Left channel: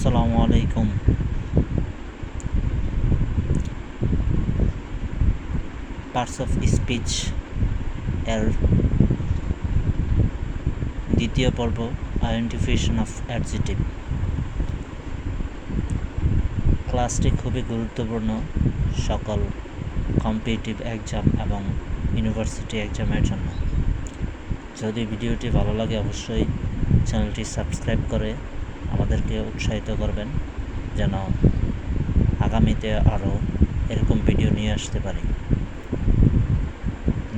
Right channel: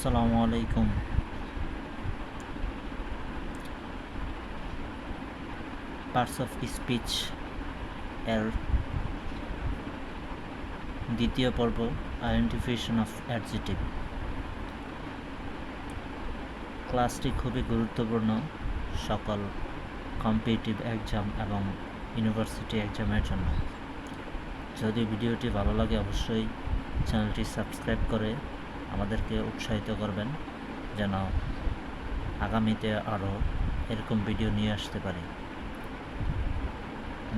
আসসালামু আলাইকুম। Parts of speech এর দ্বিতীয় পর্ব, আইডেন্টিফিকেশন অফ অ্যাডজেক্টিভ। ক্লাসটি খুবই গুরুত্বপূর্ণ সকল কম্পিটিটিভ এক্সাম এবং ইউনিভার্সিটি এক্সামের জন্য। যদি ভিডিওটি ভালো লাগে অবশ্যই চ্যানেলটি সাবস্ক্রাইব করে আমাদেরকে উৎসাহিত করবেন যেন আগামীতে আরও এরকম ভিডিও নিয়ে আসতে পারি।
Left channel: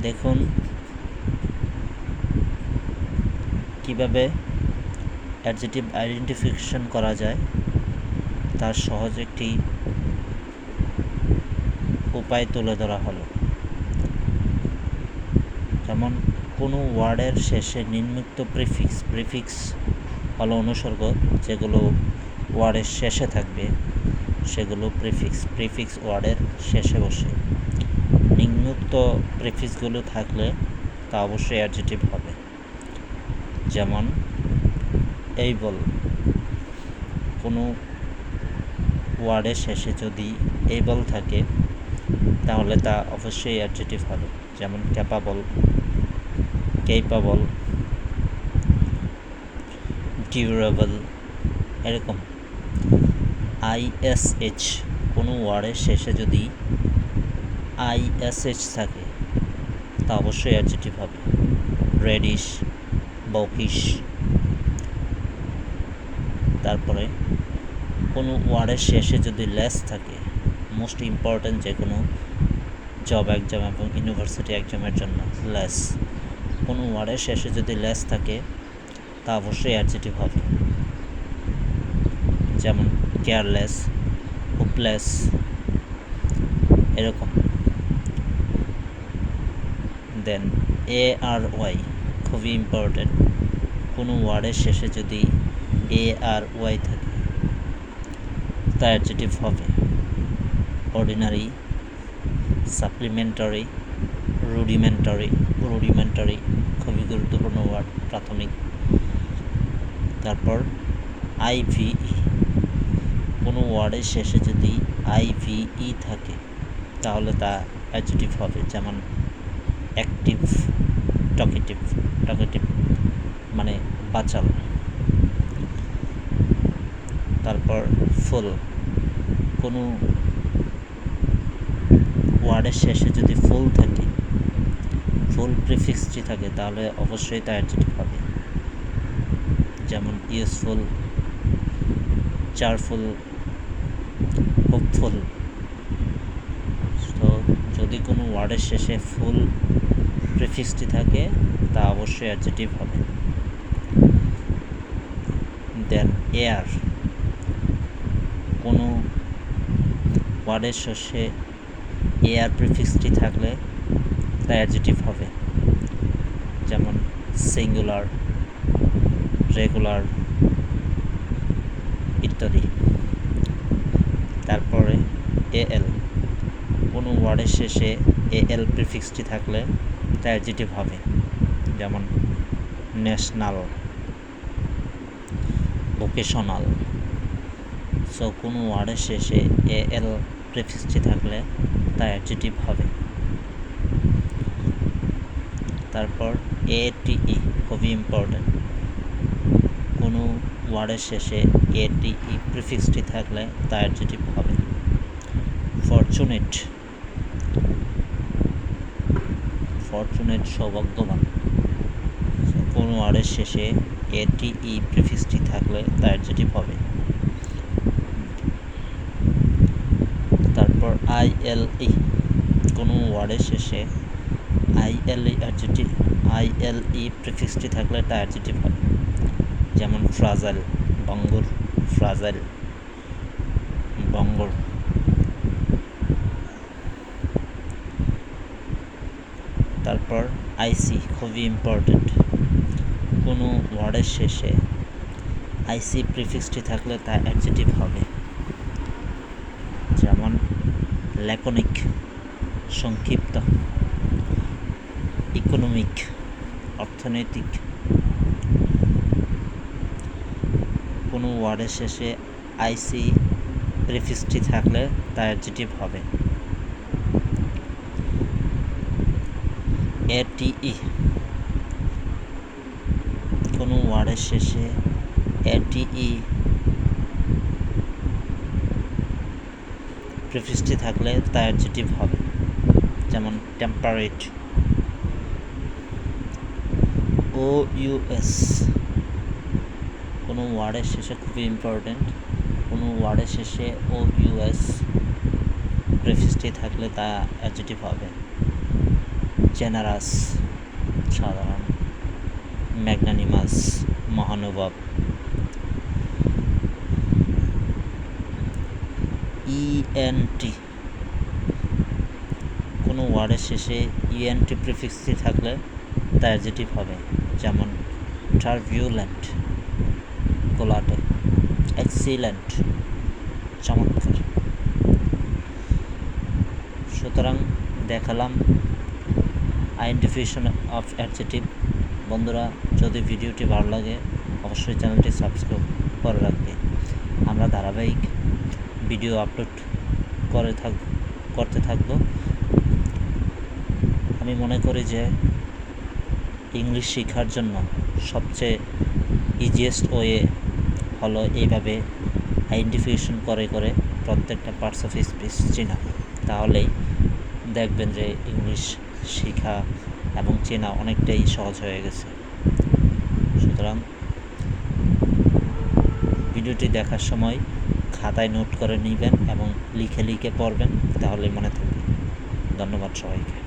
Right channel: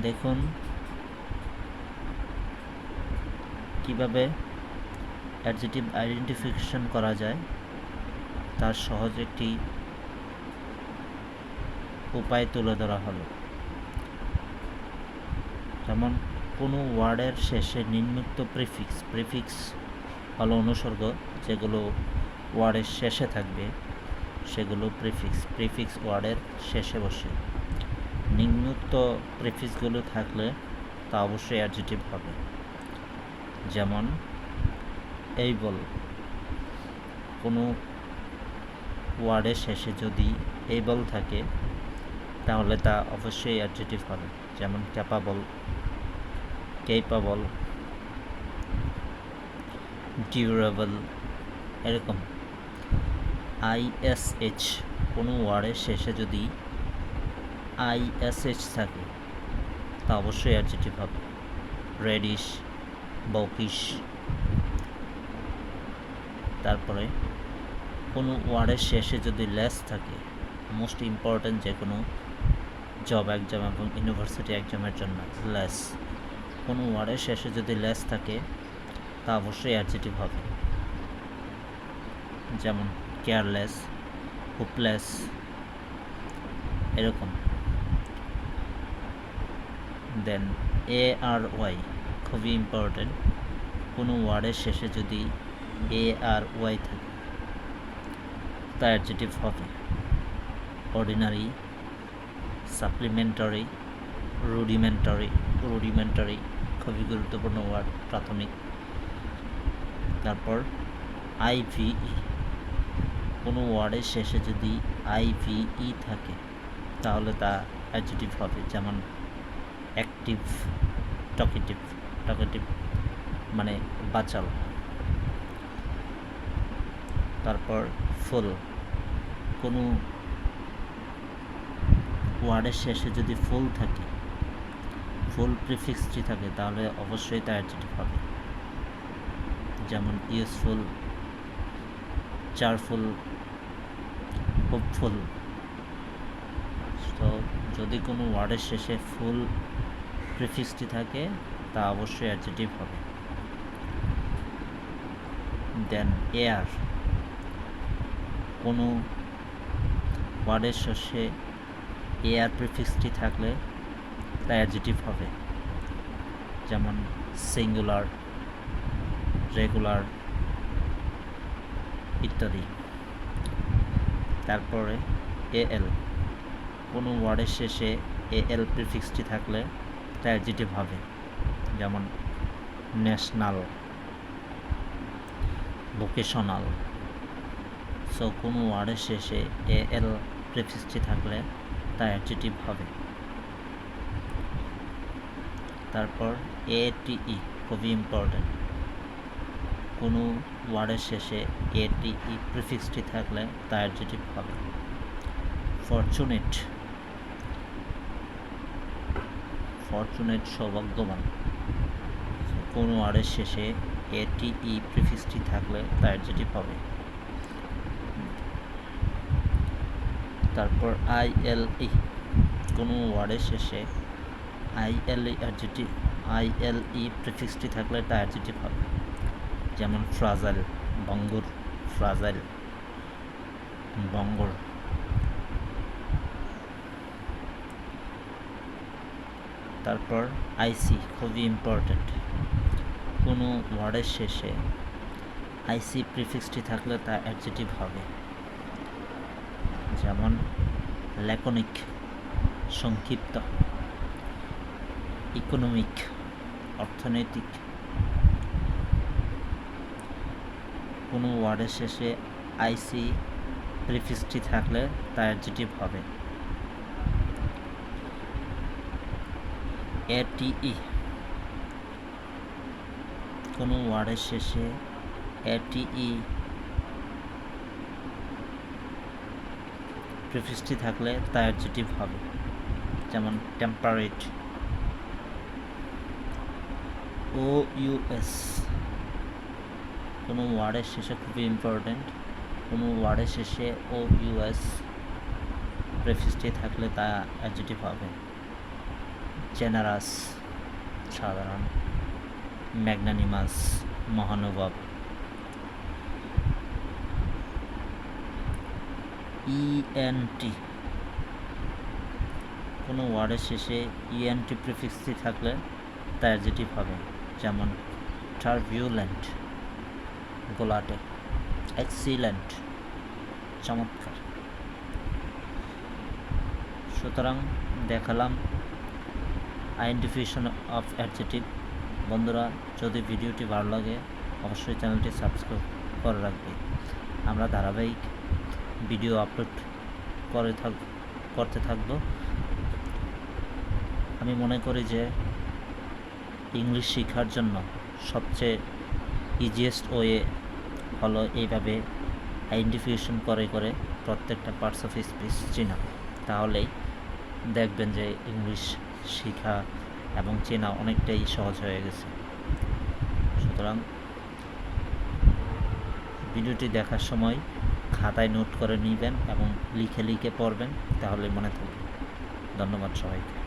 দেখুন কিভাবে অ্যাডজেক্টিভ আইডেন্টিফিকেশন করা যায়, তার সহজ একটি উপায় তুলে ধরা হলো। যেমন কোনো ওয়ার্ডের শেষে নিম্নোক্ত প্রিফিক্স হলো অনুসর্গ, যেগুলো ওয়ার্ডের শেষে থাকবে সেগুলো প্রিফিক্স ওয়ার্ডের শেষে বসে। নিম্নোক্ত প্রিফিক্সগুলো থাকলে তা অবশ্যই অ্যাডজেক্টিভ হবে। যেমন এইবল, কোনো ওয়ার্ডের শেষে যদি এইবল থাকে তাহলে তা অবশ্যই অ্যাডজেক্টিভ হবে। যেমন ক্যাপাবল, ডিউরেবল, এরকম। আইএসএইচ, কোনো ওয়ার্ডের শেষে যদি আইএসএইচ থাকে তা অবশ্যই অ্যাডজেক্টিভ হবে। রেডিশ, বকিশ। তারপরে কোনো ওয়ার্ডের শেষে যদি লেস থাকে, মোস্ট ইম্পর্ট্যান্ট যে কোনো জব এক্সাম এবং ইউনিভার্সিটি এক্সামের জন্য লেস, কোনো ওয়ার্ডের শেষে যদি লেস থাকে তা অবশ্যই অ্যাডজেক্টিভ হবে। যেমন কেয়ারলেস, হোপলেস, এরকম। দেন ARY খুবই ইম্পর্টেন্ট, কোনো ওয়ার্ডের শেষে যদি ARY থাকে তা অ্যাডজেক্টিভ হবে। অর্ডিনারি, সাপ্লিমেন্টারি, রুডিমেন্টারি খুবই গুরুত্বপূর্ণ ওয়ার্ড, প্রাথমিক। তারপর IVE, কোনো ওয়ার্ডের শেষে যদি IVE থাকে তাহলে তা অ্যাডজেক্টিভ হবে। যেমন অ্যাক্টিভ, টকেটিভ মানে বাচাল। তারপর ফুল, কোনো ওয়ার্ডের শেষে যদি ফুল থাকে, ফুল প্রিফিক্সটি থাকে তাহলে অবশ্যই তা অ্যাডজেক্টিভ হবে। যেমন ইউজফুল, চারফুল, হোপফুল। তো যদি কোনো ওয়ার্ডের শেষে ফুল প্রিফিক্সটি থাকে তা অবশ্যই অ্যাডজেক্টিভ হবে। দেন এয়ার, কোনো ওয়ার্ডের শেষে এয়ার প্রিফিক্সটি থাকলে তা অ্যাডজেক্টিভ হবে। যেমন সিঙ্গুলার, রেগুলার ইত্যাদি। তারপরে AL, কোনো ওয়ার্ডের শেষে AL প্রিফিক্সটি থাকলে তা অ্যাডজেক্টিভ হবে। যেমন ন্যাশনাল, ভোকেশনাল। সো কোনো ওয়ার্ডের শেষে AL প্রিফিক্সটি থাকলে তা অ্যাডজেক্টিভ হবে। তারপর ATE খুবই ইম্পর্টেন্ট, কোনো ওয়ার্ডের শেষে ATE প্রিফিক্সটি থাকলে তা অ্যাডজেক্টিভ হবে। ফরচুনেট, সৌভাগ্যবান, কোনো ওয়ার্ডের শেষে ATE প্রিফিক্সটি থাকলে তা অ্যাডজেক্টিভ হবে। তারপর ILE, কোনো ওয়ার্ডের শেষে ILE প্রিফিক্সটি থাকলে তা অ্যাডজেক্টিভ হবে। যেমন ফ্রাজাইল, বঙ্গর। তারপর IC খুবই ইম্পর্টেন্ট, কোনো ওয়ার্ডের শেষে IC প্রিফিক্সটি থাকলে তা অ্যাডজেক্টিভ হবে। যেমন ল্যাকনিক, সংক্ষিপ্ত। ইকোনমিক, অর্থনৈতিক, কোনো ওয়ার্ডের শেষে আইসি প্রিফিক্সটি থাকলে তা অ্যাডজেক্টিভ হবে। এটিই, কোনো ওয়ার্ডের শেষে এটিই প্রিফিক্সটি থাকলে তা অ্যাডজেক্টিভ হবে, যেমন টেম্পারেট। ও ইউএস, কোনো ওয়ার্ডের শেষে, খুবই ইম্পর্টেন্ট, কোনো ওয়ার্ডের শেষে ও ইউএস প্রিফিক্সটি থাকলে তা অ্যাডজেক্টিভ হবে। জেনারাস, সাধারণ। ম্যাগনানিমাস, মহানুভব। ইএনটি, কোনো ওয়ার্ডের শেষে ইএনটি প্রিফিক্সটি থাকলে তা অ্যাডজেক্টিভ হবে, যেমন টারবিউলেন্ট, গোলাটে। এক্সিলেন্ট, চমৎকার। সুতরাং দেখালাম আইডেন্টিফিকেশন অফ অ্যাডজেক্টিভ। বন্ধুরা, যদি ভিডিওটি ভালো লাগে অবশ্যই চ্যানেলটি সাবস্ক্রাইব করে রাখবে। আমরা ধারাবাহিক ভিডিও আপলোড করতে থাকব। আমি মনে করি যে ইংলিশ শেখার জন্য সবচেয়ে ইজিয়েস্ট ওয়ে হলো এইভাবে আইডেন্টিফিকেশন করে প্রত্যেকটা পার্টস অফ স্পিচ চেনা। তাহলেই দেখবেন যে ইংলিশ শেখা এবং চেনা অনেকটাই সহজ হয়ে গেছে। সুতরাং ভিডিওটি দেখার সময় খাতায় নোট করে নেবেন এবং লিখে পড়বেন, তাহলে মনে থাকবে। ধন্যবাদ সবাইকে।